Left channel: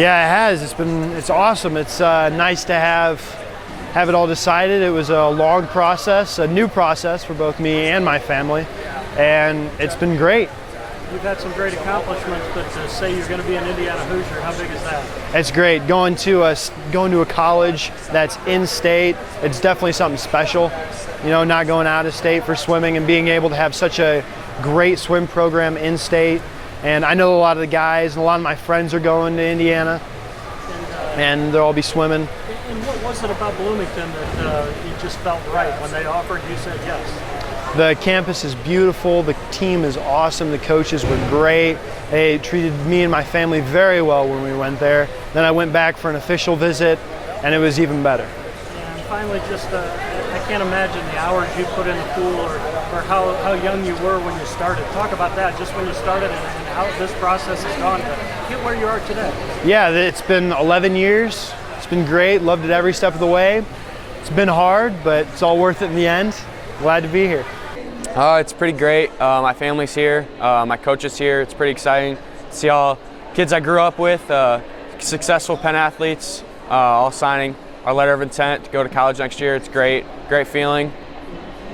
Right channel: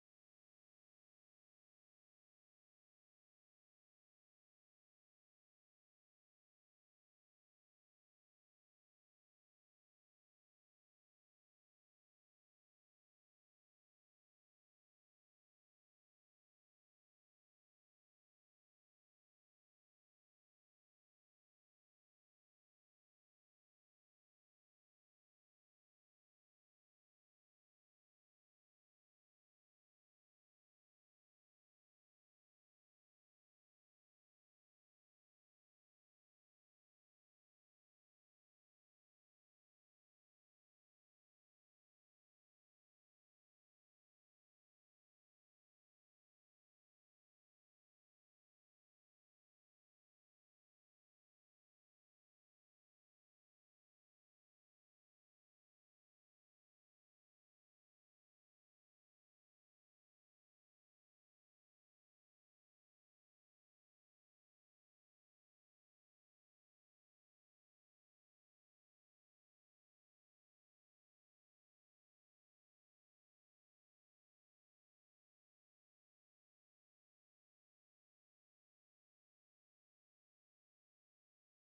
Yeah, it has. It's awesome. It's nice to have it all decided. It was a long process, a new process for both me and my family, and it's been great. You've had some great accomplishments, but to say you're going to be an Indiana Hoosier, how big is that? It's great. Going to a college that's in state, it's definitely something special. You know, not going out of state for swimming and being able to have such a great swim program in state. And I know a lot of the guys and a lot of my friends are going to Indiana, and they'll all be swimming. And what was it about Bloomington that you just felt right? When they offered, you said yes? The campus is beautiful, the team is awesome, the coaches were great. They treated me and my family very well when we went there. Then I went back for an official visit, and it was even better. And finally, just I can't imagine the hours you put in the pool or how young you were when you started. Talk about that, just when you started and how this process has gone to get where you are today. Yeah, it's been 11 years. It's been great, loved it every step of the way. It's been hard, but it's all worth it in the end. Glad to be here. It's pretty great. My family's here, my coach is here. It's pretty exciting to see all kids I grew up with, successful Penn athletes, all signing our letter of intent to go to college next year. It's great feeling.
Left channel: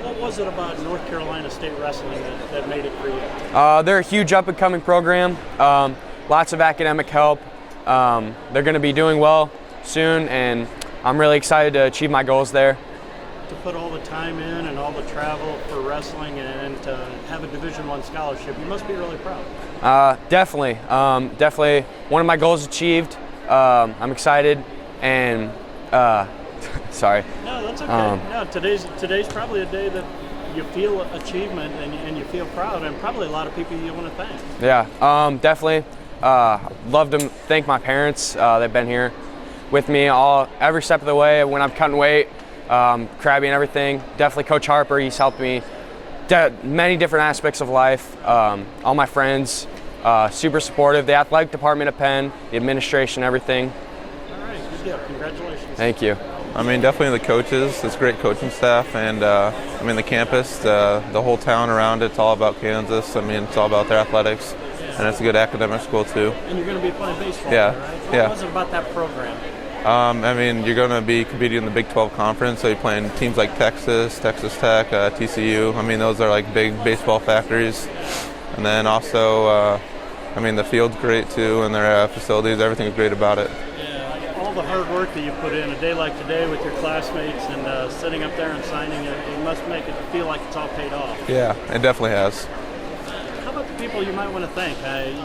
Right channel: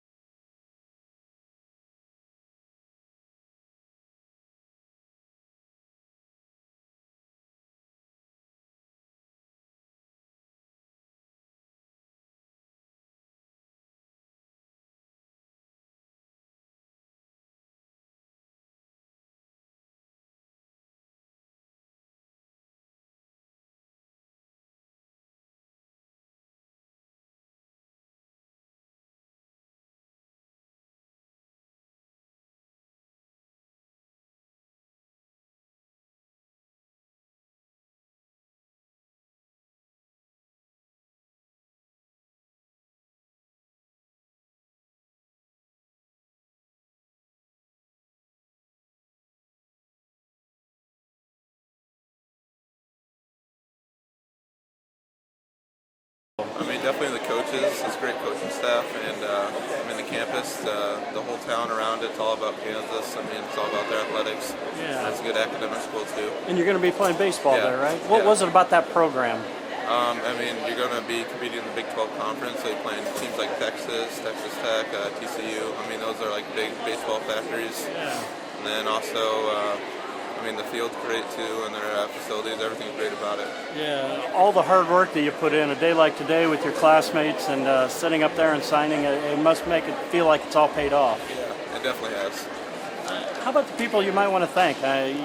What was it about North Carolina State Wrestling that made it for you? They're a huge up-and-coming program, lots of academic help. They're going to be doing well soon, and I'm really excited to achieve my goals there. To put all the time in and all the travel for wrestling and to have a Division I scholarship, you must be really proud. Definitely. Definitely one of my goals achieved. I'm excited and sorry. No, that's okay. No, today's probably a day that you feel achievement and you feel proud, and probably a lot of people you want to thank. Yeah, definitely. Love to thank my parents. They've been here with me every step of the way when I'm cutting weight. Crabby and everything. Definitely Coach Harper, he's helped me many different aspects of life. All my friends, super supportive. The athletic department at Penn, the administration, everything. All right, good deal. Congratulations. Thank you. I mean, definitely the coaches. It's great coaching staff, and I mean the campus, the whole town around it. It's all about Kansas. I mean, it's all about their athletics, and it's a good academic school too. And you're going to be playing baseball there, right? What was it about that program? I mean, you're going to be competing in the Big 12 conference, so you're playing teams like Texas, Texas Tech, TCU. I mean, those are like big baseball factories. And then also, I mean, the field's great too, and their facilities, everything's great about it. Yeah, all the hard work that you put in a day like today with your classmates and sitting up there and signing, it must make it feel like it's all paid off. Yeah, it definitely has. How about the people you might want to thank?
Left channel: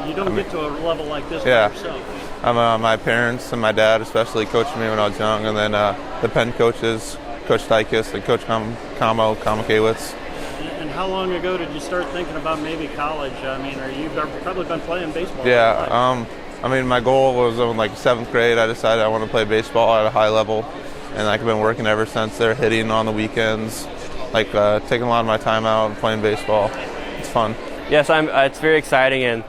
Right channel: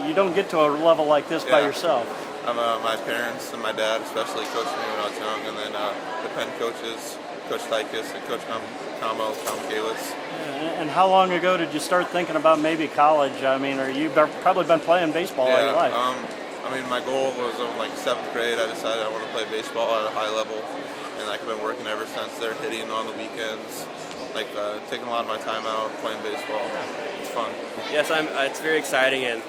You don't get to a level like this by yourself. My parents and my dad especially coached me when I was young, and then the Penn coaches, Coach Tykus and Coach Kamakewicz. And how long ago did you start thinking about maybe college? I mean, you've probably been playing baseball all your life. I mean, my goal was in like 7th grade. I decided I want to play baseball at a high level, and I've been working ever since there, hitting on the weekends, like taking a lot of my time out and playing baseball. It's fun. Yes, it's very exciting, and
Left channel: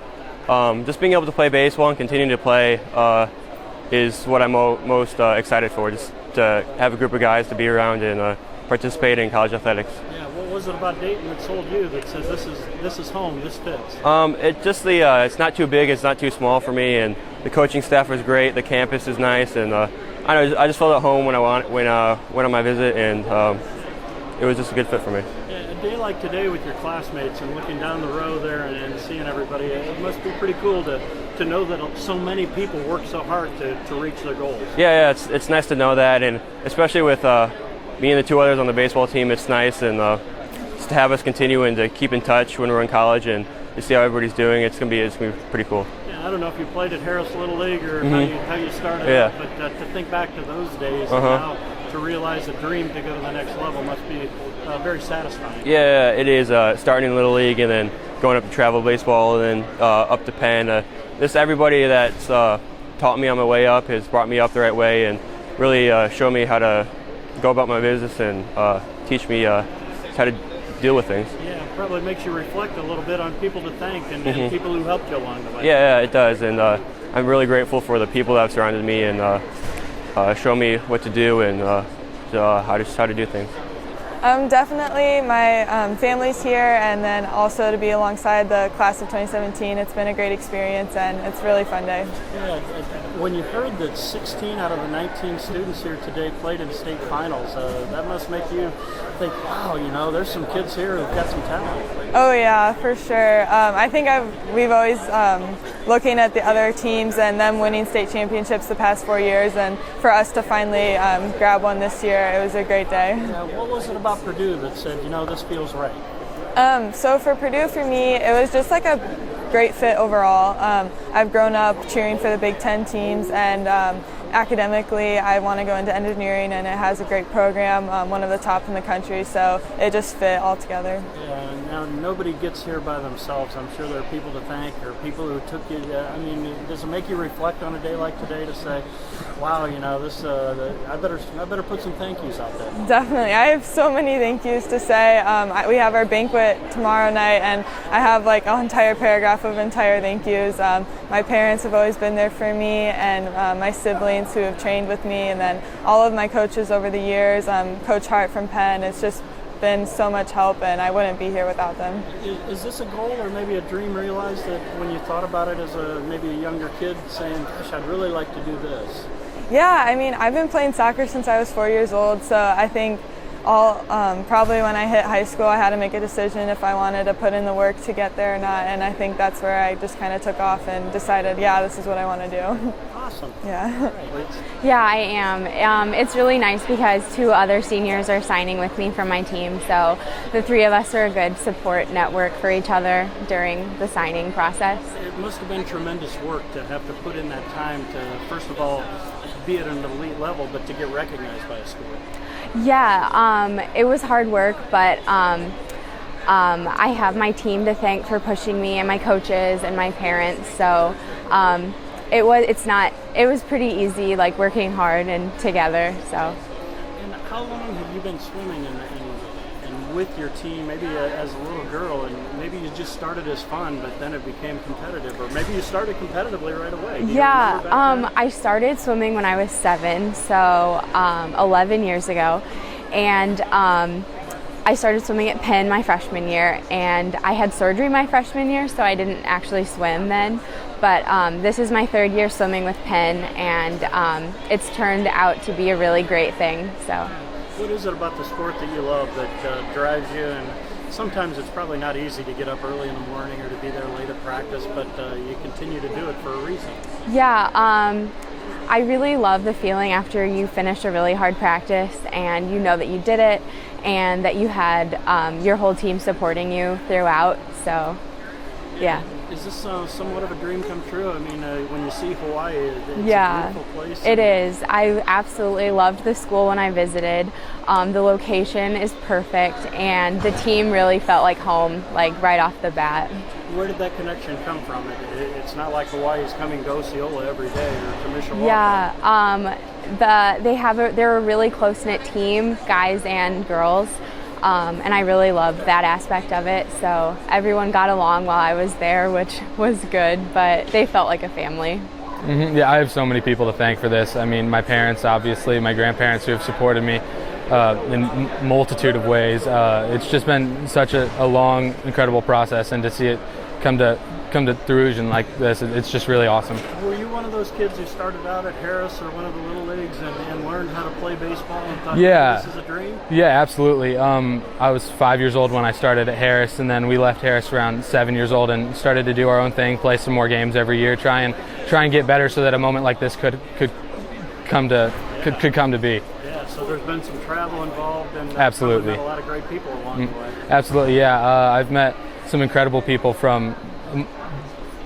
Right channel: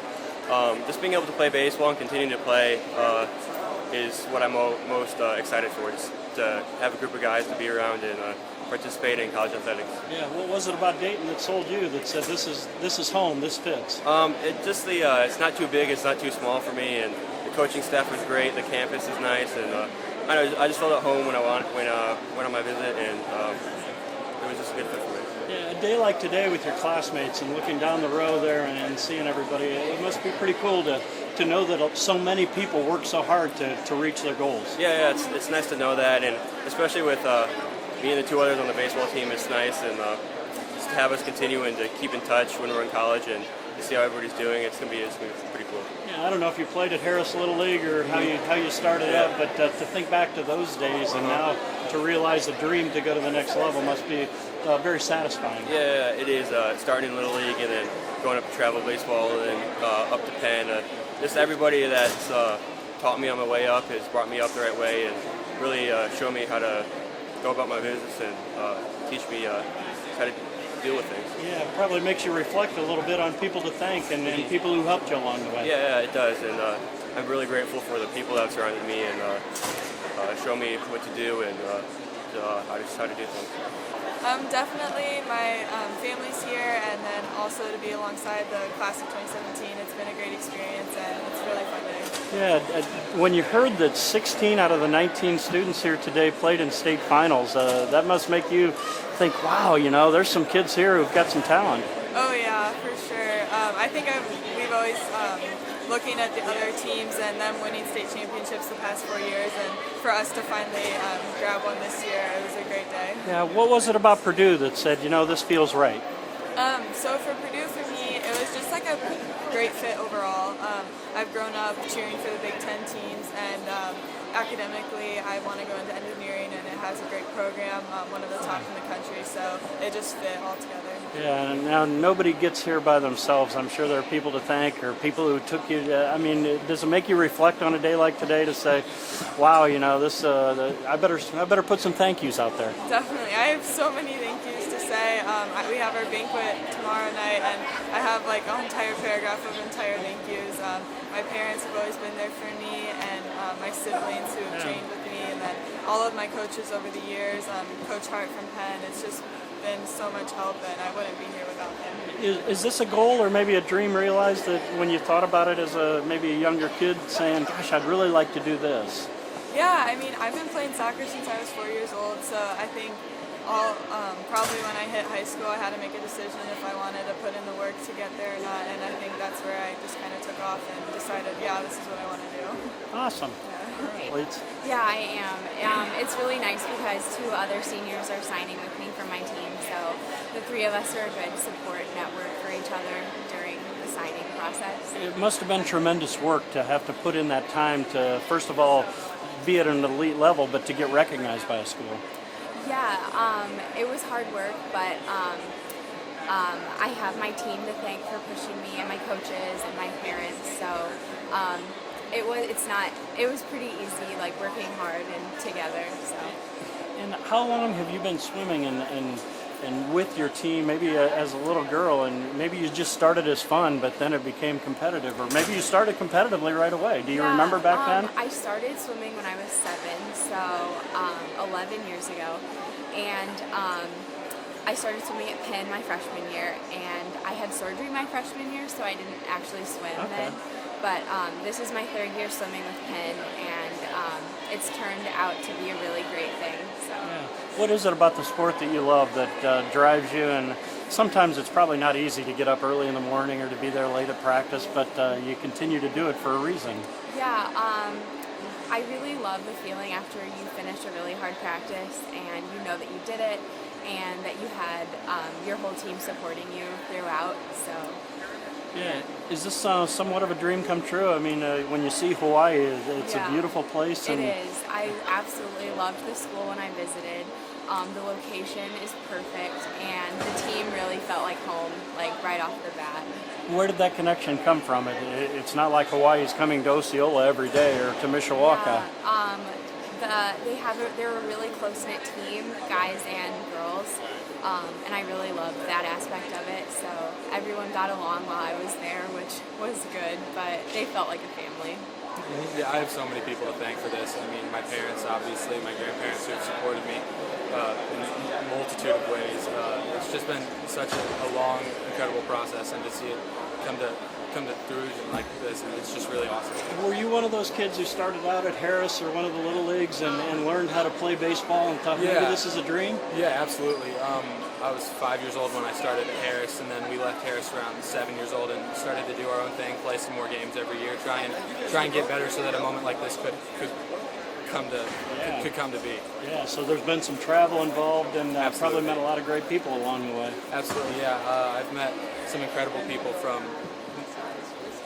just being able to play baseball and continue to play is what I'm most excited for, just to have a group of guys to be around and participate in college athletics. Yeah, what was it about Dayton that sold you that said this is home, this fits? It's not too big, it's not too small for me, and the coaching staff was great, the campus is nice, and I just felt at home when I went on my visit, and it was just a good fit for me. Yeah, a day like today with your classmates and looking down the row there and seeing everybody, it must be pretty cool to know that so many people work so hard to reach their goals. Yeah, it's nice to know that, and especially with me and the two others on the baseball team, it's nice, and just to have us continue and to keep in touch when we're in college and to see how everybody's doing. It's gonna be pretty cool. Yeah, I don't know if you played at Harris Little League or how you started out, but to think back to those days and now to realize the dream to go to the next level must be very satisfying. Yeah, it is. Starting in Little League and then going up to travel baseball and then up to Penn. Just everybody that's taught me on my way up has brought me up the right way and really showed me how to go about my business and teach me how to deal with things. Yeah, it probably makes you reflect a little bit on people to thank and people who helped you along the way. Yeah, it does, and I'm really grateful for the people that have surrounded me and show me what to do and how to do things. Definitely my family's here, and then also to be alongside the class of 2017. It's been a great experience, and it's a really fun day. Yeah, when you heard that 16 out of the 19 students here today played in state finals, that must make you think, wow, there's some kids here who've got some talent. Oh yeah, for sure. I think we've always looking at the other teams and them winning state championships the past 4 years, and for us to finally grab one this year, it was a great day. Yeah, what was it about Purdue that said, this feels right? So for Purdue, for me, it was just like a great fit overall. I've grown up cheering for the Big Ten teams, and academically I want to go into engineering, and it has a great program, one of the top in the country, so it just fit all together. Yeah, and now nobody gets here by themselves. I'm sure there are people to thank, or people who took you. Does it make you reflect on a day like today to say, wow, this I better put some thank yous out there? Definitely. I have so many thank yous to say. We have our banquet tomorrow night, and I have like an entire paragraph of entire thank yous. My parents have always been there for me, and my siblings who have trained with me, and then all of my coaches over the years, Coach Hart from Penn. It's just been so much help, and I wouldn't be here without them. Is this a goal or maybe a dream realized that when you thought about it as maybe a younger kid, saying, gosh, I'd really like to do this? Yeah, I've been playing soccer since I was 4 years old, so I think probably when I hit high school, I had to make a decision if I wanted to put in the work to get there or not, and I think that's where I just kind of took off and decided, yeah, this is what I want to do. Awesome. Yeah. Yeah, I am. It's really nice because 2 other seniors are signing with me from my team, so the 3 of us are a good support network for each other during the signing process. It must have been tremendous work to have to put in that time to, first of all, be at an elite level, but to get recognized by a school. Yeah, it was hard work, but I have my team to thank for pushing me, and my coaches and my parents. So it was pretty easy, like working hard and together. So. And how long have you been swimming and with your team? Maybe as a little girl, and maybe you just started as fun, but then it became competitive, or maybe you started competitively right away. Do you remember back then? I started swimming when I was 7, so 11 years ago, and I started swimming at Penn my freshman year, and I had surgery my freshman year, so I didn't actually swim then. But this is my 3rd year swimming with Penn, and it's turned out to be a really great thing. So. What is it about the sport that you love that drives you? And sometimes it's probably not easy to get up early in the morning or to be there late at practice, but you continue to do it for a reason. Yeah, I really love the feeling after you finish a really hard practice and you know that you did it and that you had your whole team supporting you throughout. So, yeah. Is this somewhat of a dream come true? When you see Hawaii, it's a beautiful place. It is. I absolutely loved the school when I visited. The location is perfect, and the team really felt like home, like right off the bat. Where did that connection come from? It's not like Hawaii's coming to Osceola every day or to Mishawaka. Yeah, they're a really close-knit team, guys and girls. And I really loved that aspect of it. So everyone got along while I was there, which was good, but they felt like a family. Mm-hmm. Yeah, I have so many people to thank for this. My parents, obviously, my grandparents who have supported me in a multitude of ways. It's just been such a long, incredible process, and to see it come to fruition like this, it's just really awesome. Were you one of those kids who started out at Harris or one of the little leagues and learned how to play baseball and thought, yeah, this is a dream? Yeah, absolutely. I was 5 years old when I started at Harris, and then we left Harris around 7 years old and started to do our own thing, play some more games every year, try and get better so that a moment like this could come to be. Yeah, so there's been some travel involved, and absolutely probably met a lot of great people along the way. Absolutely, yeah. I've met some incredible people from a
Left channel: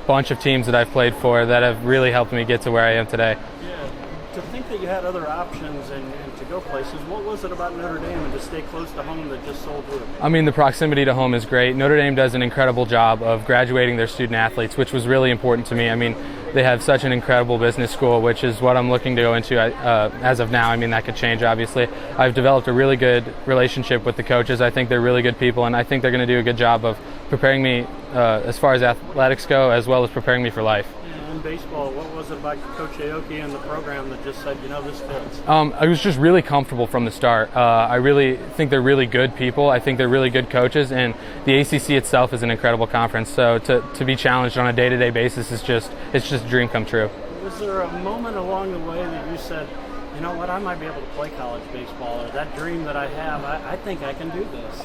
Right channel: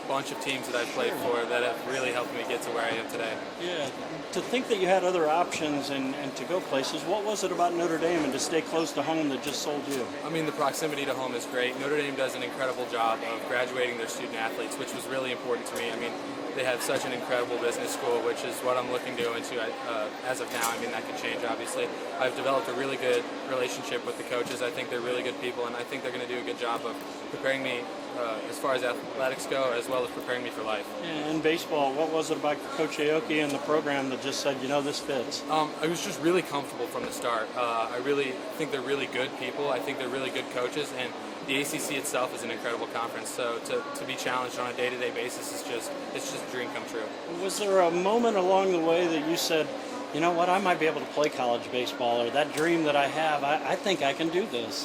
bunch of teams that I've played for that have really helped me get to where I am today. Yeah, to think that you had other options and to go places, what was it about Notre Dame and to stay close to home that just sold you? The proximity to home is great. Notre Dame does an incredible job of graduating their student athletes, which was really important to me. They have such an incredible business school, which is what I'm looking to go into as of now. That could change, obviously. I've developed a really good relationship with the coaches. I think they're really good people, and I think they're going to do a good job of preparing me as far as athletics go, as well as preparing me for life. Yeah. in baseball, what was it about Coach Aoki and the program that just said, this fits? I was just really comfortable from the start. I really think they're really good people. I think they're really good coaches, and the ACC itself is an incredible conference. So to be challenged on a day-to-day basis it's just a dream come true. Was there a moment along the way that you said, you know what, I might be able to play college baseball, or that dream that I have, I think I can do this?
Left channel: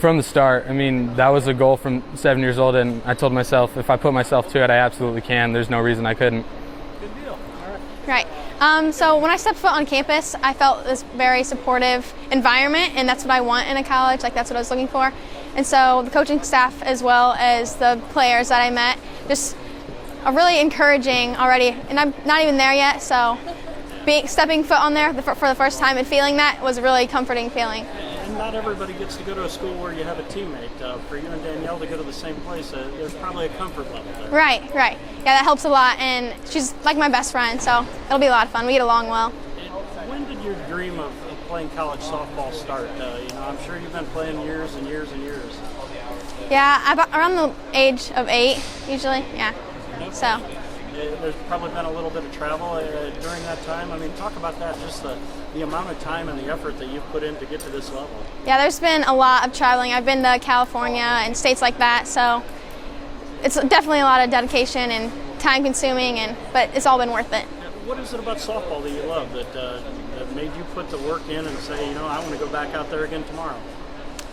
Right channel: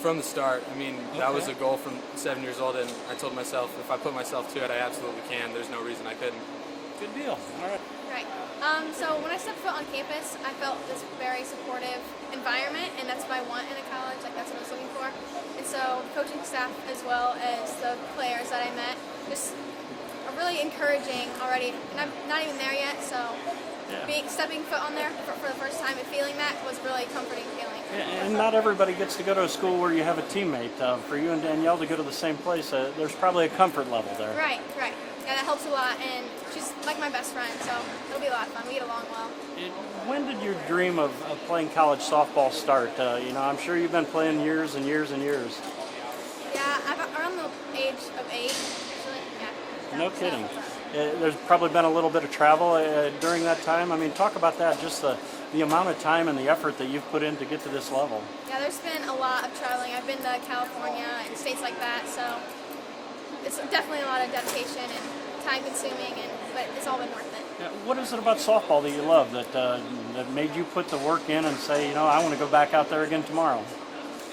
From the start, I mean, that was a goal from 7 years old, and I told myself if I put myself to it, I absolutely can. There's no reason I couldn't. Good deal. All Right. So when I stepped foot on campus, I felt this very supportive environment, and that's what I want in a college. Like, that's what I was looking for. And so the coaching staff, as well as the players that I met, just are really encouraging already. And I'm not even there yet, so stepping foot on there for the first time and feeling that was a really comforting feeling. And not everybody gets to go to a school where you have a teammate. For you and Danielle to go to the same place, there's probably a comfort level there. Right. Yeah, that helps a lot, and she's like my best friend, so it'll be a lot of fun. We get along well. When did your dream of playing college softball start? I'm sure you've been playing years and years and years. Yeah, around the age of 8, usually. Yeah. No So. There's probably been a little bit of travel during that time. I mean, talk about that, just the amount of time and the effort that you've put in to get to this level. Yeah, there's been a lot of traveling. I've been to California and states like that, so it's definitely a lot of dedication and time consuming, but it's all been worth it. What is it about softball that you love that made you put the work in and say, I want to go back out there again tomorrow?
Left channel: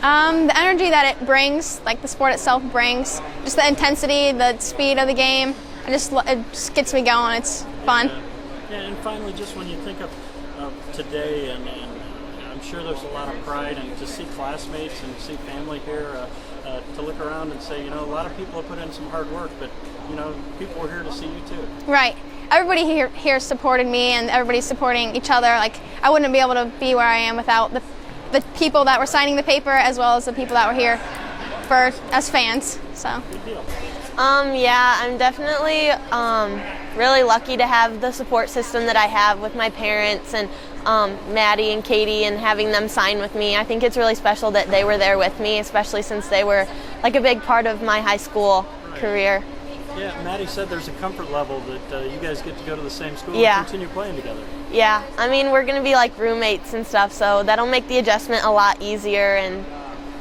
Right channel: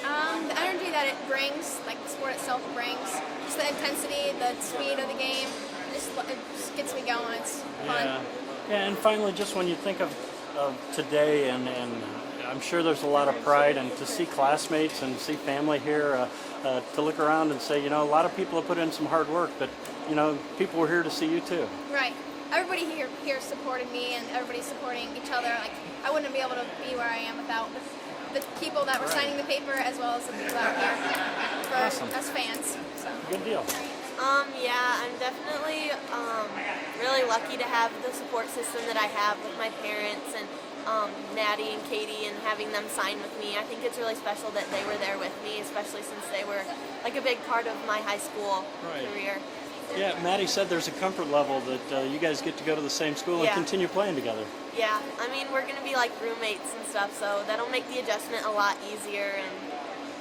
The energy that it brings, like the sport itself brings, just the intensity, the speed of the game, it just gets me going. It's fun. Yeah, and finally, just when you think of today, and I'm sure there's a lot of pride, and to see classmates and see family here, to look around and say, a lot of people have put in some hard work, but, people were here to see you too. Right. Everybody here supported me, and everybody's supporting each other. Like, I wouldn't be able to be where I am without the people that were signing the paper, as well as the people that were here as fans. So. Good deal. Yeah, I'm definitely really lucky to have the support system that I have with my parents and Maddie and Katie, and having them sign with me. I think it's really special that they were there with me, especially since they were like a big part of my high school career. Yeah, Maddie said there's a comfort level that you guys get to go to the same school Yeah. and continue playing together. Yeah, I mean, we're going to be like roommates and stuff, so that'll make the adjustment a lot easier, and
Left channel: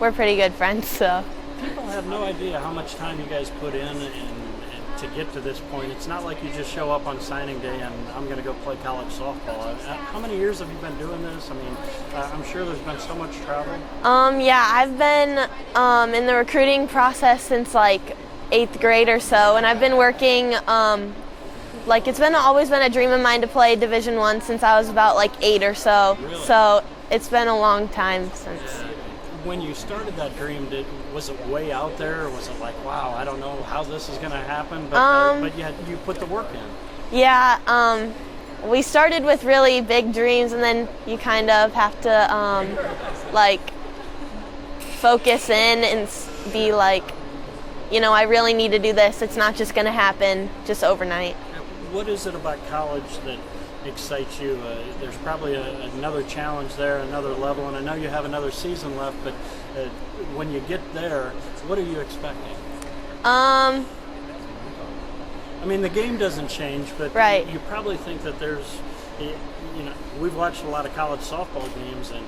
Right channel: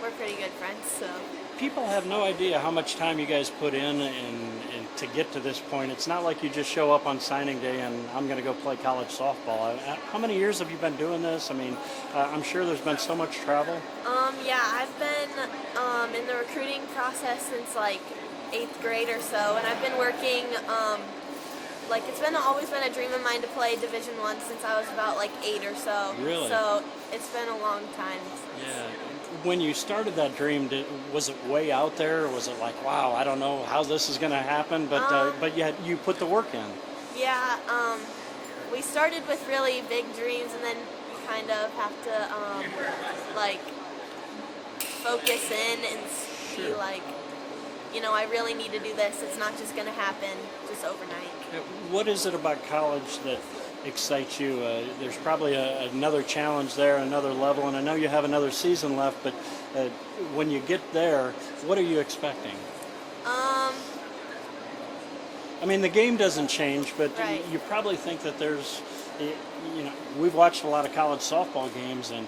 we're pretty good friends, so. People have no idea how much time you guys put in and to get to this point. It's not like you just show up on signing day and I'm going to go play college softball. How many years have you been doing this? I mean, I'm sure there's been so much travel. Yeah, I've been in the recruiting process since like 8th grade or so, and I've been working, it's always been a dream of mine to play Division I since I was about like 8 or so. Really? So it's been a long time since. Yeah. When you started that dream, was it way out there, or was it like, wow, I don't know how this is going to happen, but you put the work in? Yeah, we started with really big dreams, and then you kind of have to focus in and be like, I really need to do this. It's not just going to happen just overnight. What is it about college that excites you? There's probably another challenge there, another level, and I know you have another season left, but when you get there, what are you expecting? I mean, the game doesn't change, but right. You probably think that there's, we've watched a lot of college softball games, and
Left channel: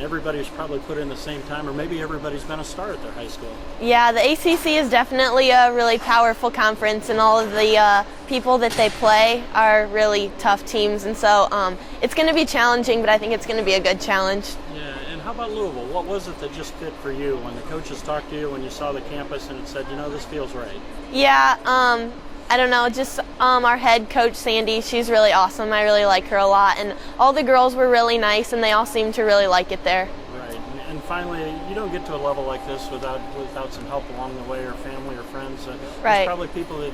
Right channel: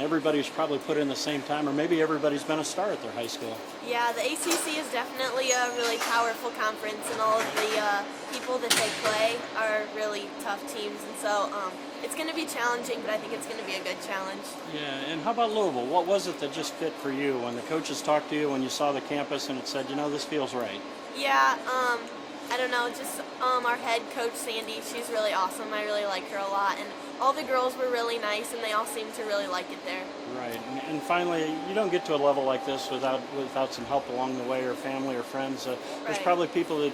everybody's probably put in the same time, or maybe everybody's been a star at their high school. Yeah, the ACC is definitely a really powerful conference, and all of the people that they play are really tough teams, and so it's going to be challenging, but I think it's going to be a good challenge. Yeah, and how about Louisville? What was it that just fit for you when the coaches talked to you, when you saw the campus and it said, this feels right? Yeah, I don't know, just our head coach, Sandy, she's really awesome. I really like her a lot, and all the girls were really nice, and they all seemed to really like it there. Right, and finally, you don't get to a level like this without some help along the way, or family or friends. Right. There's probably people that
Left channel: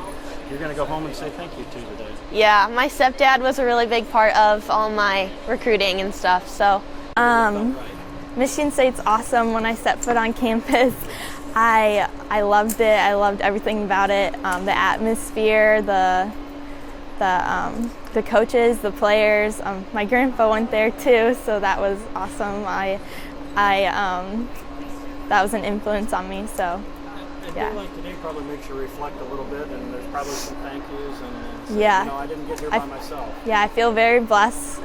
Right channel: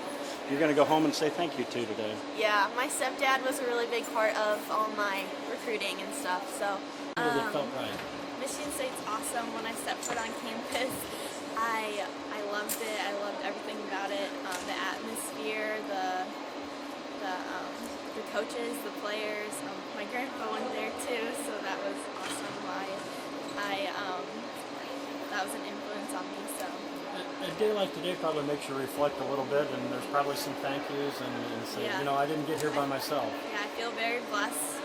you're going to go home and say thank you to today. Yeah, my stepdad was a really big part of all my recruiting and stuff, so. Michigan State's awesome. When I stepped foot on campus, I loved it. I loved everything about it. The atmosphere, the coaches, the players. My grandpa went there too, so that was awesome. That was an influence on me. So. I feel like today probably makes you reflect a little bit, and there's probably some thank yous and Yeah. I didn't get here by myself. Yeah, I feel very blessed.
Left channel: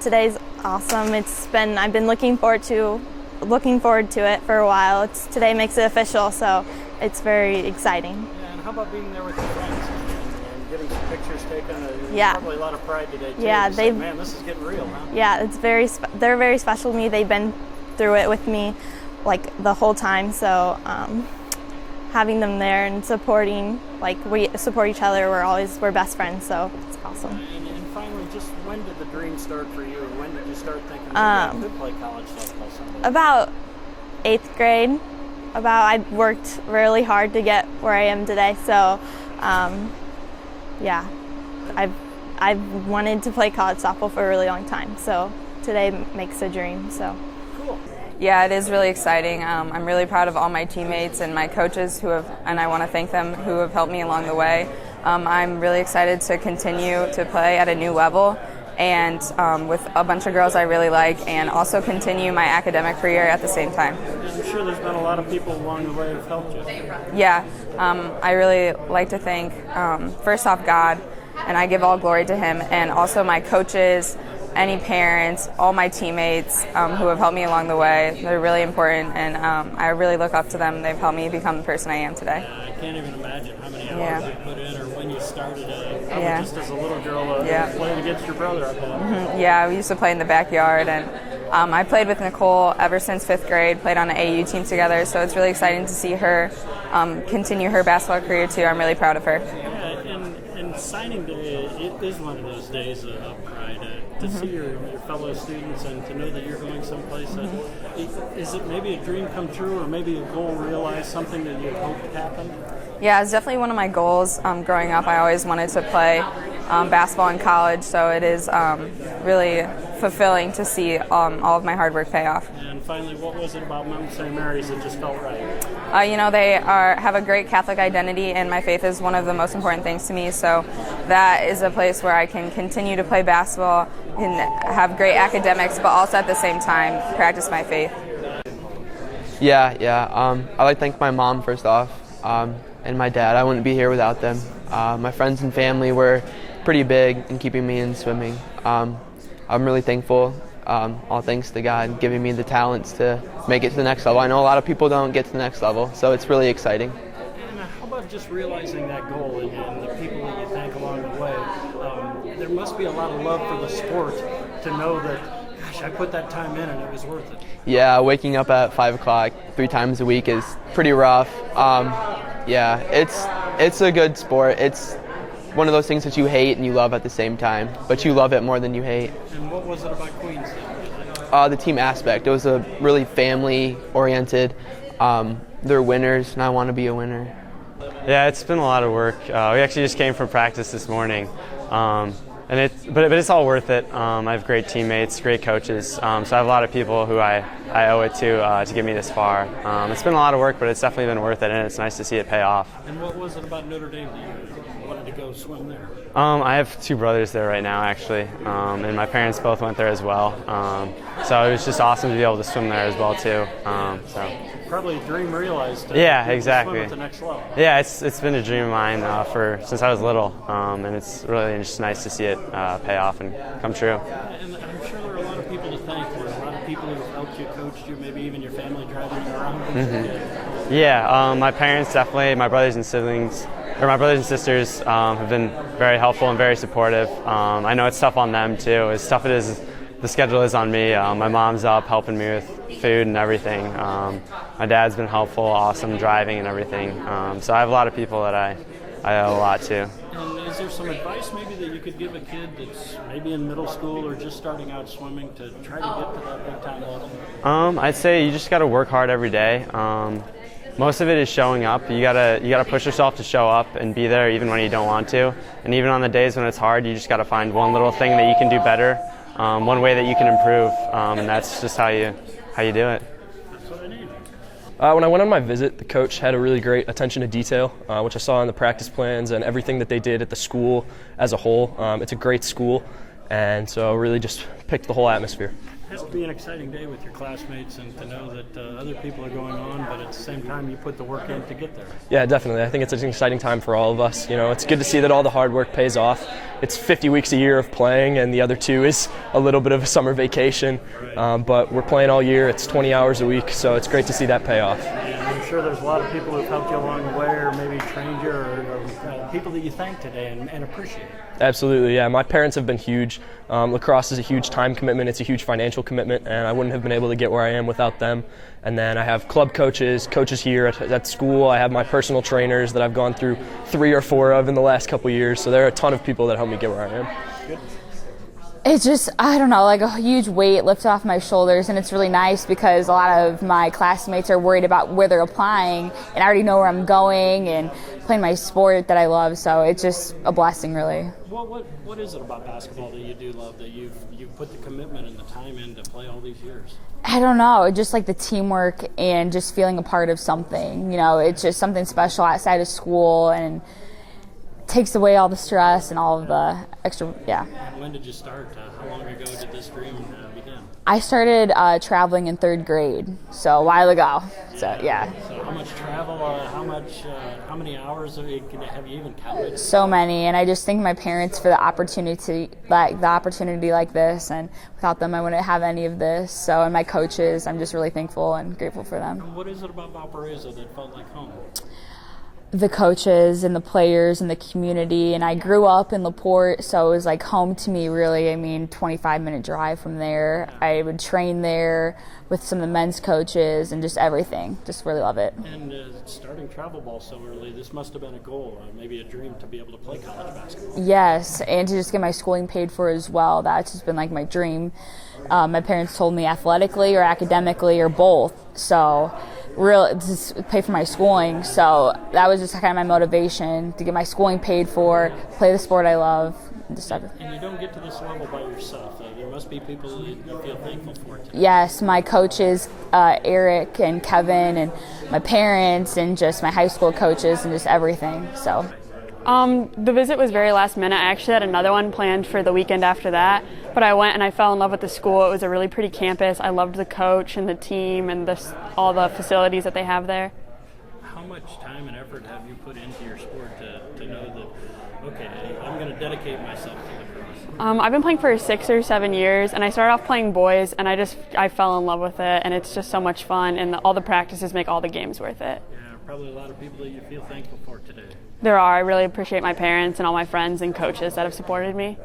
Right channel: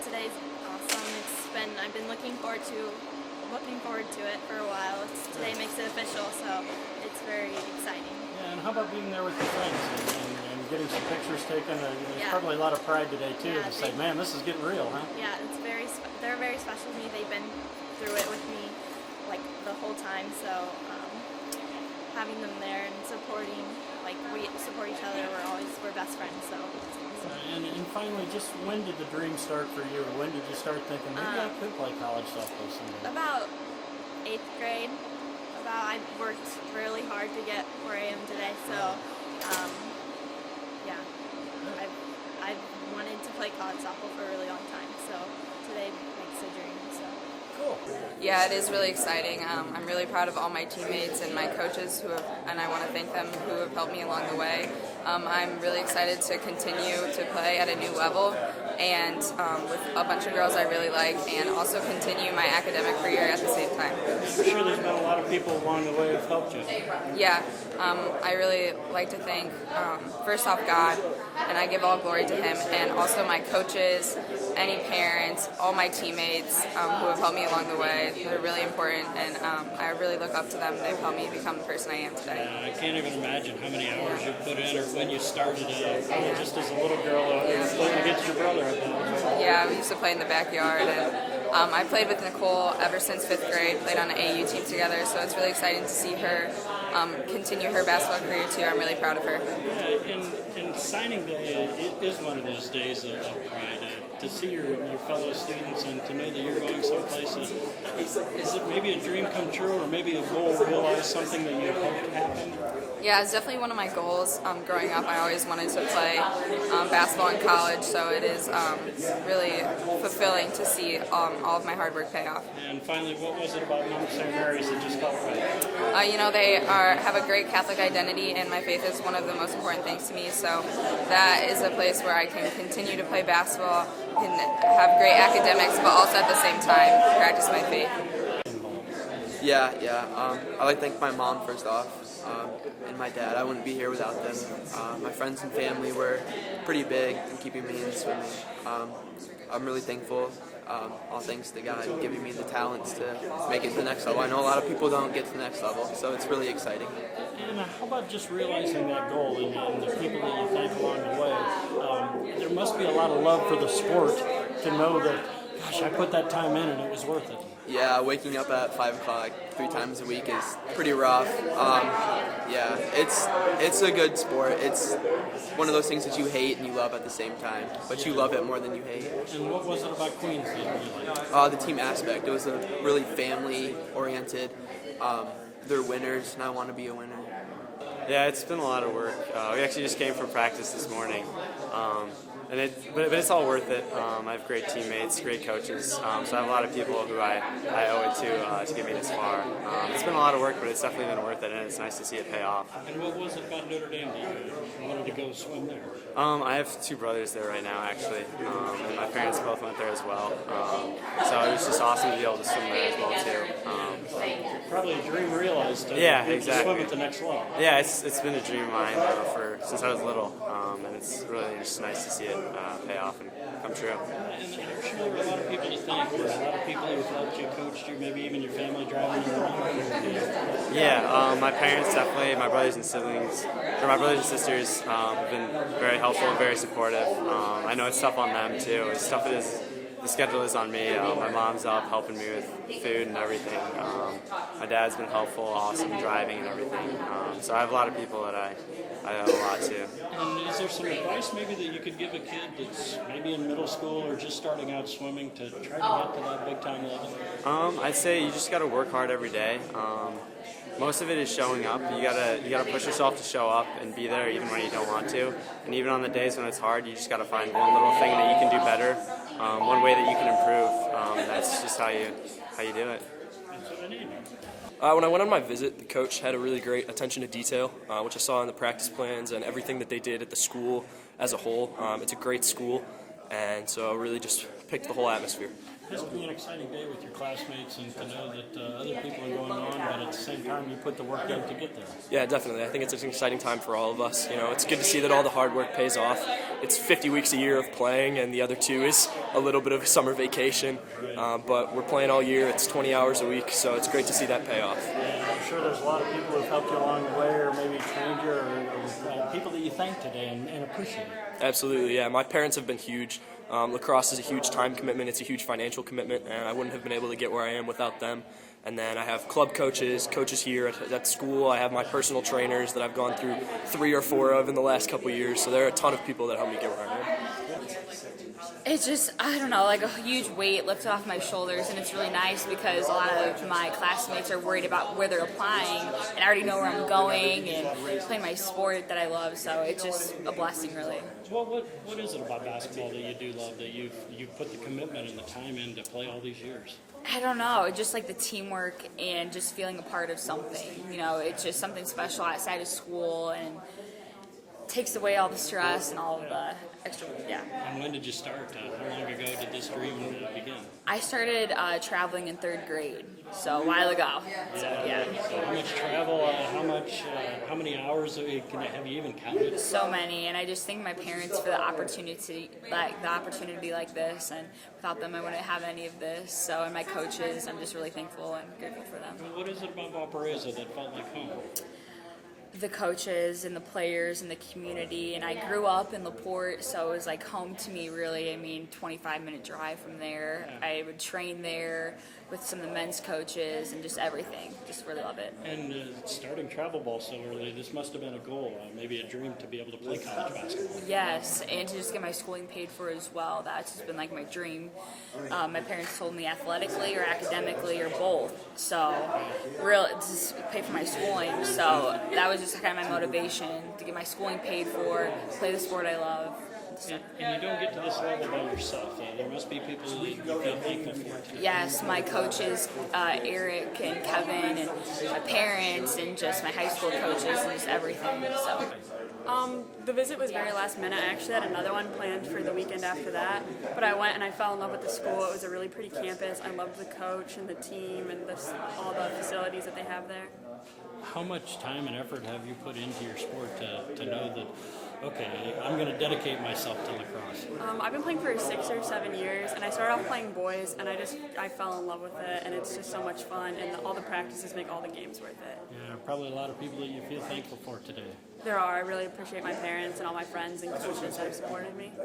Today's awesome. I've been looking forward to it for a while. Today makes it official, so it's very exciting. And how about being there with your friends and getting some pictures taken? Yeah. Probably a lot of pride today too. Yeah, Man, this is getting real, huh? Yeah, they're very special to me. They've been through it with me like the whole time, so having them there and supporting, like we support each other, we're best friends, so it's awesome. And finally, just when did the dream start for you? When did you start thinking I could play college football someday? About 8th grade. I worked really hard to get where I am today, so yeah, I've wanted to play college softball for a really long time, so today makes a dream. So. Cool. Yeah, it is really exciting. I'm really proud of all my teammates and my coaches and I want to thank them who have helped me along the way. I'm really excited to continue to play at a new level and with a bunch of girls I really like, and also continue my academic career at the same time. I'm sure there's been a lot of people along the way who've helped you. Yeah, I really like to thank, first off, God, and I give all glory to Him, and also my coaches, any parents, all my teammates who have helped me along the way. They're really important, and I really look up to them. They've helped me become the person I am today. I can't even imagine how many hours you put in, or when you started just as a little girl playing against your brother. Yeah, we used to play in the backyard, and I played with Nicole ever since 5th grade, played on an AU team together, so it's really exciting to see her continue her basketball career too. I'm really proud of her. And signing day, it is one of those days of pride. To see your fellow students and to know that you're going someplace. Is it maybe a dream come true, or maybe a goal realized, something that you had hoped happened? Yeah, it's definitely one of my goals. Growing up, I always wanted to play basketball in college, so it is really fulfilling to see all of my hard work pay off. And finally, what was it about Mount St. Mary's that just felt right? They have a great Catholic identity, and my faith is one of the most important things to me, so that is a place where I can continue to play basketball, can have great academics, but also at the same time practice my faith. Yeah. I'd like to thank my mom first off, and my dad. I wouldn't be here without them. My friends and family were pretty big in keeping me in swimming. I'm really thankful, all thanks to God giving me the talents to make it to the next level. I know a lot of people don't get to the next level, so it's really exciting. And how about just realizing that goal and the people that you thank along the way? There must be a lot of love for the sport to know that, gosh, I put that time in and it was worth it. Yeah, waking up at 5 o'clock 3 times a week is pretty rough. Yeah, it's a good sport. It's one of those things that you hate and you love at the same time, but you love it more than you hate. And what was it about Queens? The team aspect. It was a really family-oriented. They're winners, and I want to be a winner. Yeah, it's been a lot of work. We actually just came from practice this morning, but it's all worth it. I have great teammates, great coaches, so I have a lot of people who I owe it to get me this far. It's been a lot of work, but it's definitely been worth it, and it's nice to see it pay off. And what was it about Notre Dame that you wanted to go swim there? I have 2 brothers there right now, actually, and my parents both went there as well. So it was just awesome to be able to swim there as well too. Probably a dream realized. Yeah, exactly. Swim at the next level. Yeah, it's been a dream of mine since I was little, and it's really just nice to see it pay off and come true. And I'm sure there are a lot of people to thank. There are a lot of people who have helped you, coached you, maybe even your family driving you around. Yeah, my parents definitely, my brothers and sisters have been very helpful and very supportive. I know it's tough on them too. As tough it is, the schedule is on me. My mom's up helping me with food and everything. My dad's been helpful, awesome driving and everything. So I have a lot of people that I owe a lot to. And is there some advice maybe that you could give a kid that's maybe in middle school or just starting out swimming to try to get to that big time level? I'd say you just got to work hard every day. Most of it is showing up. You gotta push yourself to show up and be there even when you don't want to. And even on the days when it's hard, you just gotta find one little thing that you can do better, one way that you can improve, and that's just how you do it. That's what I need. When I went on my visit, the coach had a really great attention to detail, which I saw in the practice plans and everything that they did at the school as a whole. It's a great school, and so really just picked the whole atmosphere. It has to be an exciting day with your classmates and to know that other people are going on, but at the same time you put the work in to get there. Yeah, definitely. I think it's an exciting time for all of us. You know, it's good to see that all the hard work pays off. It's 50 weeks a year of playing, and the other 2 is a little bit of a summer vacation. But we're playing all year. It's 20 hours a week, so it's great to see that pay off. And I'm sure there's a lot of people who've helped you along the way, or maybe trained you, or people that you thank today and appreciate. Absolutely, yeah. My parents have been huge. Lacrosse is a huge time commitment. It's a huge financial commitment, and I wouldn't have been able to get where I am without them. And then I have club coaches here at school. I have my personal trainers that I've gone through 3 or 4 of in the last couple of years. So there are a ton of people that help me get where I am. Good. It's just, I don't know, like a huge weight lifted off my shoulders, and it's really nice because a lot of my classmates are worried about where they're applying, and I already know where I'm going and playing my sport that I love, so it's just a blessing, really. Well, what is it about basketball that you do love, that you've put the commitment and the time in to play all these years? I don't know, just like the teamwork and just feeling a part of something. You know, it's just something special outside of school and takes away all the stress and all of the extra, yeah. And when did you start? How long ago did this dream begin? I started traveling in 3rd grade, so a while ago. So yeah. So how much travel? How many hours have you even counted? So many, and I just thank my parents for the opportunity like this, and without them, I wouldn't have any of this. So, and my coaches, I'm just really thankful and grateful for them. And what is it about Valparaiso that felt like home? The coaches and the players and the community, and I grew up in LaPorte, so it was like home to me, really. I mean, 25-minute drive from there. I would train there with some of the men's coaches and just everything. Just really love it. And starting travel ball so early, this must have been a goal, maybe a dream to be able to play college basketball. Yes, and to just get my schooling paid for as well. That's just been like my dream. My parents told me athletically or academically or both, so really just pay for my schooling. So that was just kind of my motivation, to get my schooling paid for, play the sport I love. And you don't get to this level by yourself. There must be people that you feel thankful for. Yes, my coaches, Eric and Kevin, and my parents, and just my high school coaches, and just everything. So. The visit was very last minute. I actually had another one planned for the weekend after that, but I went and I fell in love with the school. It was a really pretty campus. I loved the coach and the team and all the facilities that they have there. How much time and effort have you put into your sport to know that, okay, I'm going to dedicate myself to lacrosse? I've been playing for 6 or 7 years, and I started off playing boys, and I fell in love with it, and it's just so much fun, and all the practices make all the games worth it. Yeah, probably a lot of people that you feel thankful for today. There are. I really appreciate my parents and all my friends and coaches that have supported me.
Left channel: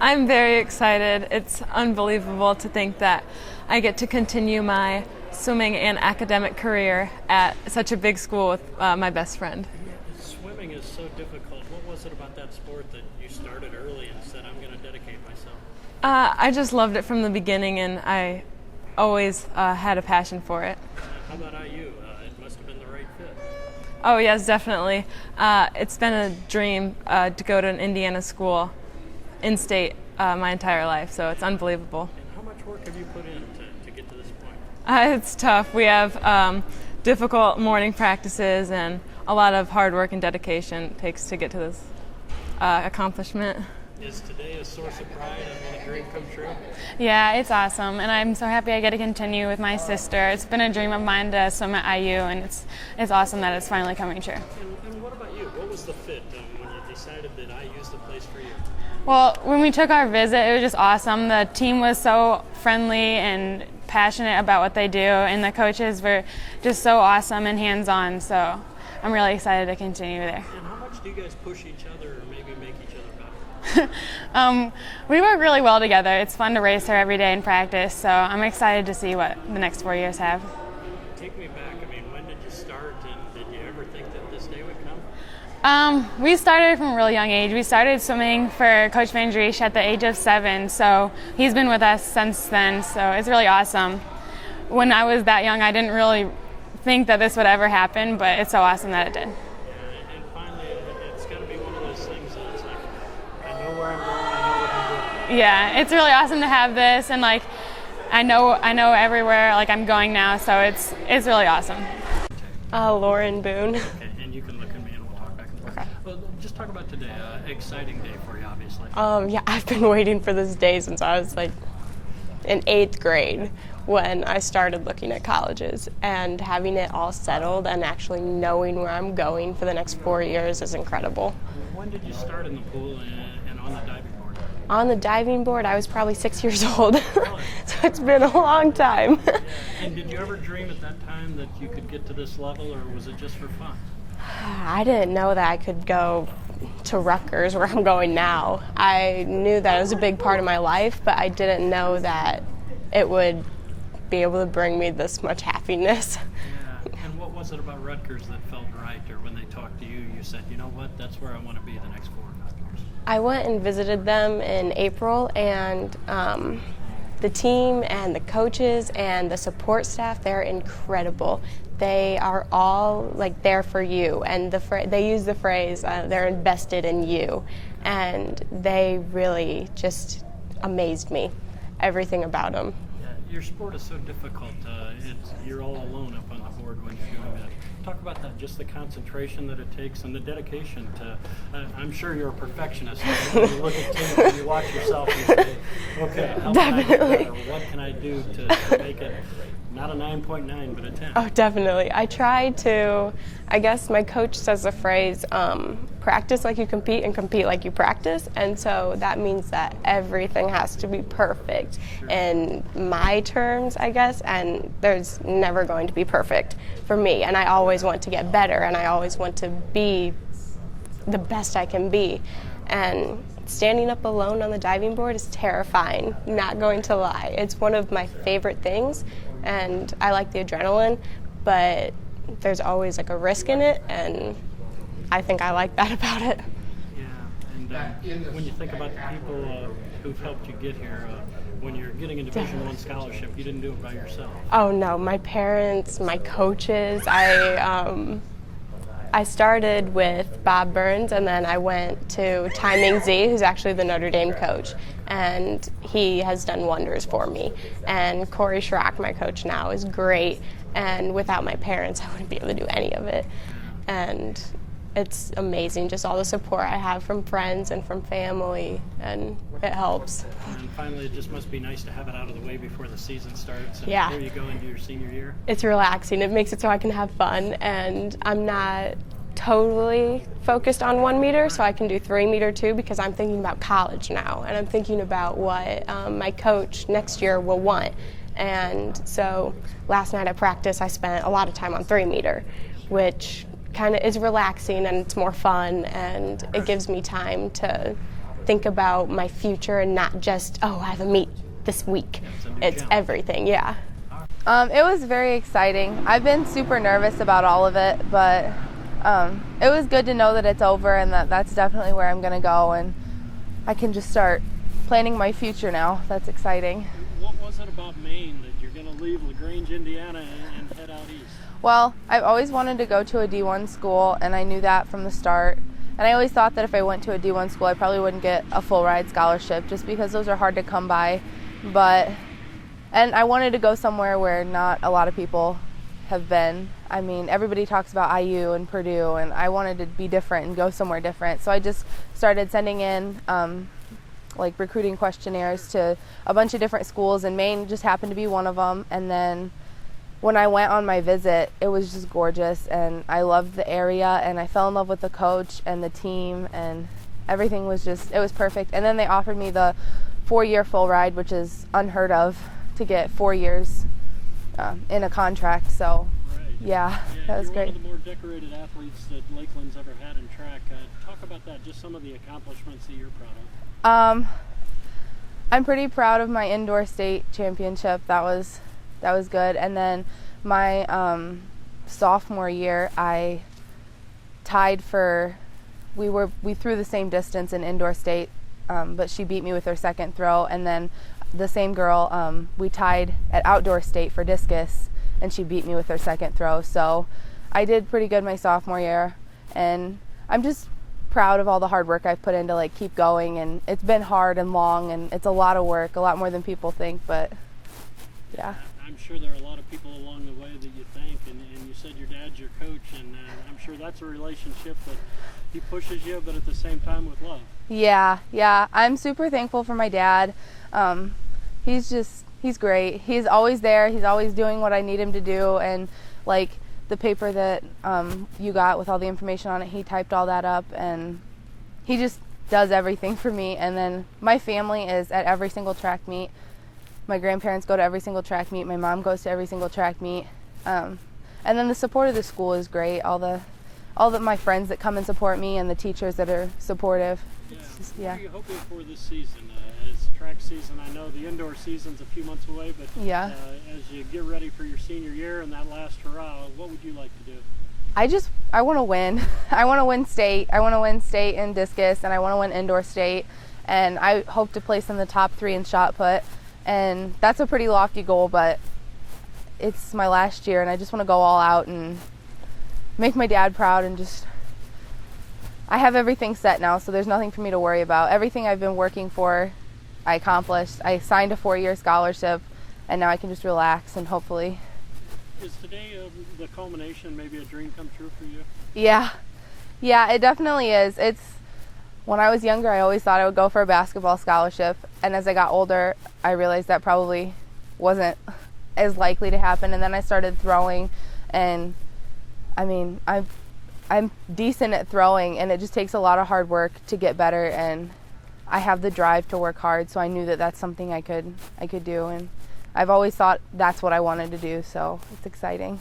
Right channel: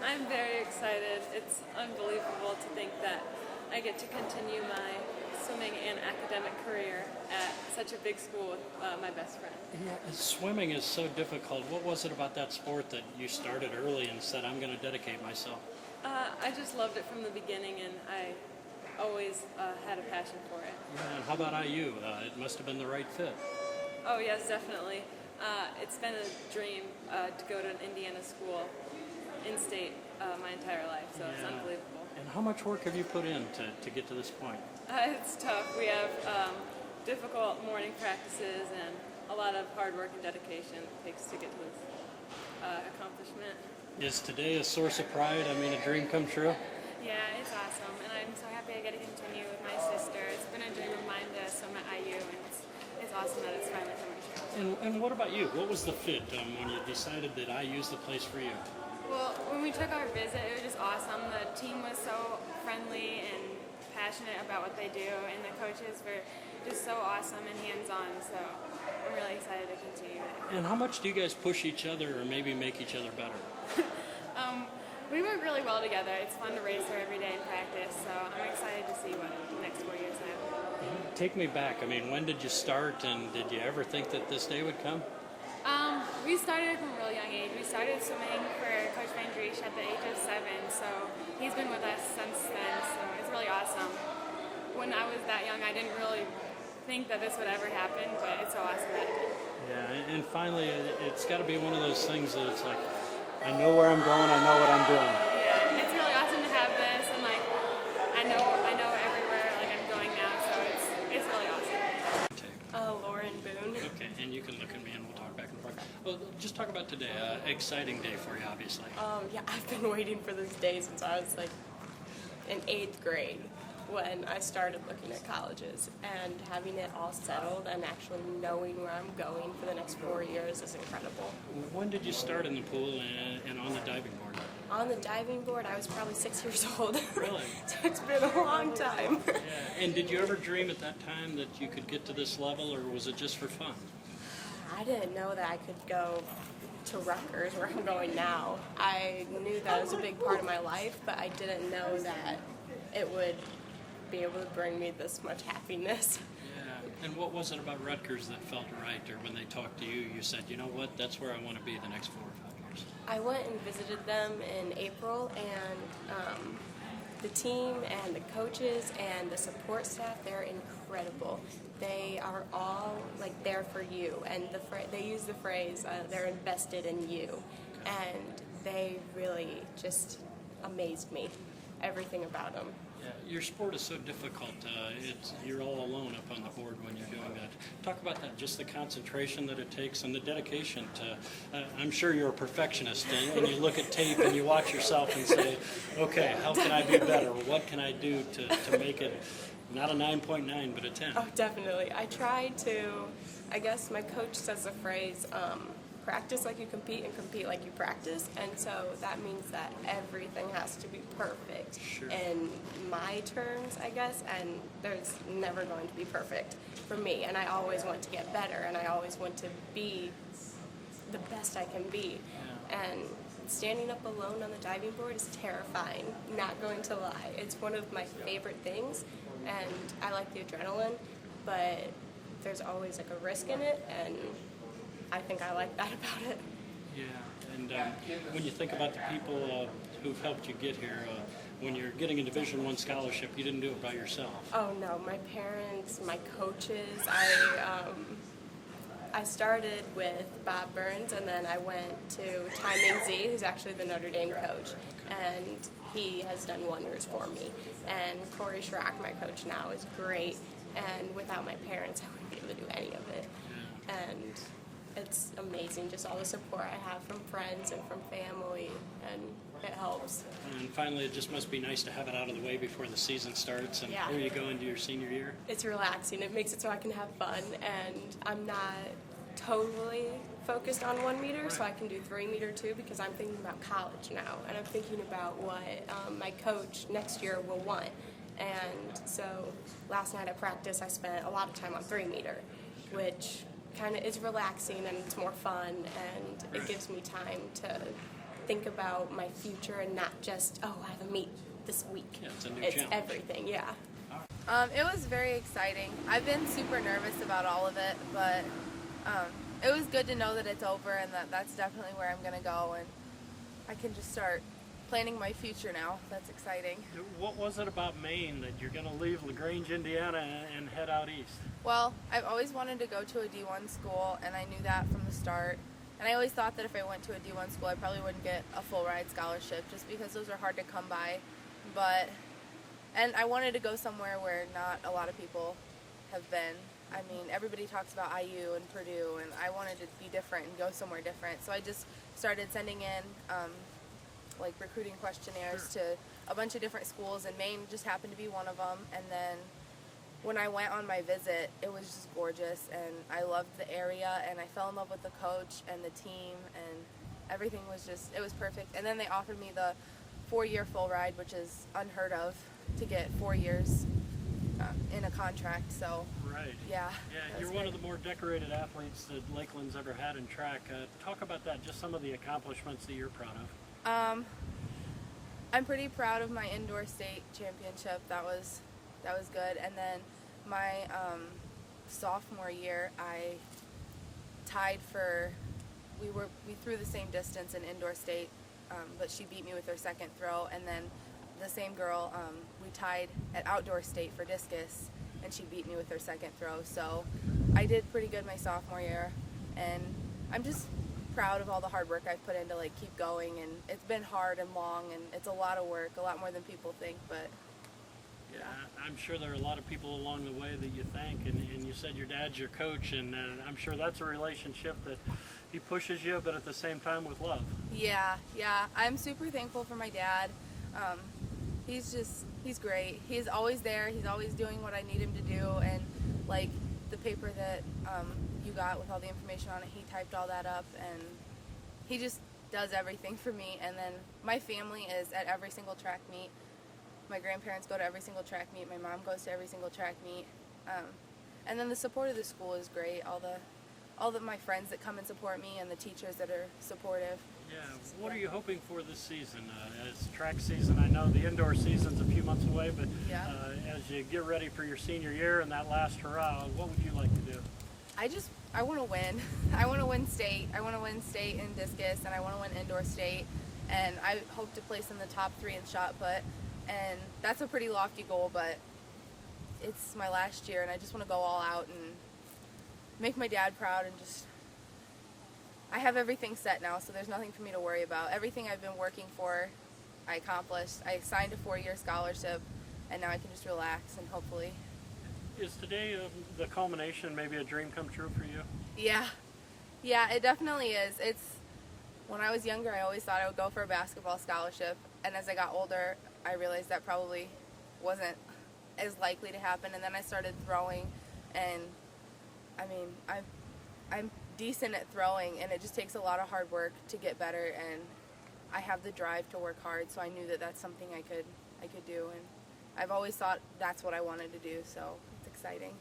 I'm very excited. It's unbelievable to think that I get to continue my swimming and academic career at such a big school with my best friend. Swimming is so difficult. What was it about that sport that you started early and said, I'm going to dedicate myself? I just loved it from the beginning, and I always had a passion for it. How about IU? It must have been the right fit. Oh yes, definitely. It's been a dream to go to an Indiana school in-state my entire life, so it's unbelievable. And how much work have you put in to get to this point? It's tough. We have difficult morning practices, and a lot of hard work and dedication it takes to get to this accomplishment. Is today a source of pride? I mean, a dream come true? Yeah, it's awesome, and I'm so happy I get to continue with my sister. It's been a dream of mine to swim at IU, and it's awesome that it's finally coming true. And what about you? What was the fit when you decided that IU's the place for you? Well, when we took our visit, it was just awesome. The team was so friendly and passionate about what they do, and the coaches were just so awesome and hands-on, so I'm really excited to continue there. And how much do you guys push each other or maybe make each other better? We work really well together. It's fun to race her every day in practice, so I'm excited to see what the next 4 years have. Take me back. I mean, when did you start, and did you ever think that this day would come? We started from a really young age. We started swimming for Coach Van Driesch at the age of 7, so he's been with us since then, so it's really awesome. When I was that young, I didn't really think that this would ever happen, but it's so awesome that it did. Yeah, and finally, it's got to be one of those things that it's like, I know where I'm going, I know what I'm doing. Yeah, it's really awesome to have this, and like, I know everywhere like I'm going now, so it's really awesome. Lauren Boone. Okay, and you can look at me and we'll talk back and forth. Okay. Well, just talk about today. Exciting day for you, obviously. Yeah, I've been waiting for this day since I was like in 8th grade when I started looking at colleges, and having it all settled and actually knowing where I'm going for the next 4 years is incredible. When did you start in the pool and on the diving board? On the diving board, I was probably 6 years old, so it's been a long time. And did you ever dream at that time that you could get to this level, or was it just for fun? I didn't know that I could go to Rutgers, where I'm going now. I knew that it was a big part of my life, but I didn't know that it would be able to bring me this much happiness. Yeah. And what was it about Rutgers that felt right, or when they talked to you, you said, you know what, that's where I want to be the next 4 or 5 years? I went and visited them in April, and the team and the coaches and the support staff, they're incredible. They are all like there for you, and they use the phrase, they're invested in you, and they really just amazed me, everything about them. Your sport is so difficult. You're all alone up on the board when you're doing that. Talk about that, just the concentration that it takes and the dedication to, I'm sure you're a perfectionist. When you look at tape and you watch yourself and say, okay, how can I get better? What can I do to make it not a 9.9, but a 10? Oh, definitely. I try to, I guess my coach says the phrase, practice like you compete and compete like you practice, and so that means that everything has to be perfect in my terms, I guess, and there's never going to be perfect for me, and I always want to get better, and I always want to be the best I can be, and standing up alone on the diving board is terrifying, not going to lie. It's one of my favorite things, and I like the adrenaline, but there's always like a risk in it, and I think I like that about it. Yeah, and when you think about the people who've helped you get here, when you're getting a Division I scholarship, you didn't do it by yourself. Oh no, my parents, my coaches. I started with Bob Burns, and then I went to Ty Ming-Z, who's actually the Notre Dame coach, and he has done wonders for me. And Corey Schrock, my coach now, is great, and without my parents, I wouldn't be able to do any of it. And it's amazing, just all the support I have from friends and from family, and it helps. And finally, it just must be nice to have it out of the way before the season starts. And Yeah. before you go into your senior year. It's relaxing. It makes it so I can have fun, and I'm not totally focused on 1 meter, so I can do 3 meter too, because I'm thinking about college now, and I'm thinking about what my coach next year will want. And so last night at practice, I spent a lot of time on 3 meter, which kind of is relaxing, and it's more fun, and it gives me time to think about my future and not just, oh, I have a meet this week. It's everything, yeah. It was very exciting. I've been super nervous about all of it, but it was good to know that it's over and that that's definitely where I'm going to go, and I can just start planning my future now. That's exciting. What was it about Maine that you're going to leave LaGrange, Indiana, and head out east? Well, I've always wanted to go to a D1 school, and I knew that from the start. And I always thought that if I went to a D1 school, I probably wouldn't get a full ride scholarship, just because those are hard to come by. And I wanted to go somewhere where not a lot of people have been. I mean, everybody talks about IU and Purdue, and I wanted to be different and go somewhere different. So I just started sending in like recruiting questionnaires to a bunch of different schools, and Maine just happened to be one of them. And then when I went on my visit, it was just gorgeous, and I loved the area, and I fell in love with the coach and the team, and everything was just, it was perfect. And then they offered me the 4-year full ride, which is unheard of to get 4 years in a contract. So yeah, that was great. You're one of the more decorated athletes that Lakeland's ever had in track. Talk about that, just some of the accomplishments that you're proud of. I'm pretty proud of my indoor state championship. That was good. And then my sophomore year, I tied for, we threw the same distance in indoor state, but she beat me with her second throw. And then the same girl, we tied at outdoor state for discus, and she beat me with her second throw. So I did pretty good my sophomore year, and I'm just proud of all the hard work I've put in to like keep going. And it's been hard and long, and it's a lot of work, a lot more than people think, but yeah. I'm sure there are a lot of people along the way that you thank, and you said your dad's your coach, and I'm sure that's a relationship that he pushes you, but at the same time with love. Yeah, I'm super thankful for my dad. He's great. He's always there. He's always doing what I need him to do. And like the paper that you got with all the information on it, he typed all that up, and he just does everything for me. And then my family is at every single track meet. My grandparents go to every single track meet. My mom goes to every single track meet. And then the support of the school is great. All the my friends that come and support me, and the teachers that are supportive. What are you hoping for this season? As track season, I know the indoor season's a few months away, but as you get ready for your senior year and that last hurrah, what would you like to do? I want to win. I want to win state. I want to win state in discus, and I want to win indoor state. And I hope to place in the top 3 in shot put. And that's a pretty lofty goal, but it's my last year, and I just want to go all out and make my dad proud, and just, I have everything set now, so there's nothing for me to worry about. Everything I've been working for, I accomplished. I signed a 4-year scholarship, and now I can just relax, and hopefully. Is today the culmination, maybe a dream come true for you? Yeah, it definitely is. When I was younger, I always thought I would go for a basketball scholarship, and as I got older, I realized that probably wasn't as likely to happen. And then I started throwing, and I mean, I'm decent at throwing, and it just takes a lot of hard work to get better, and I have the drive to work hard, so I knew that that's something I could do, and I've always thought that's what I wanted to do, so it's exciting.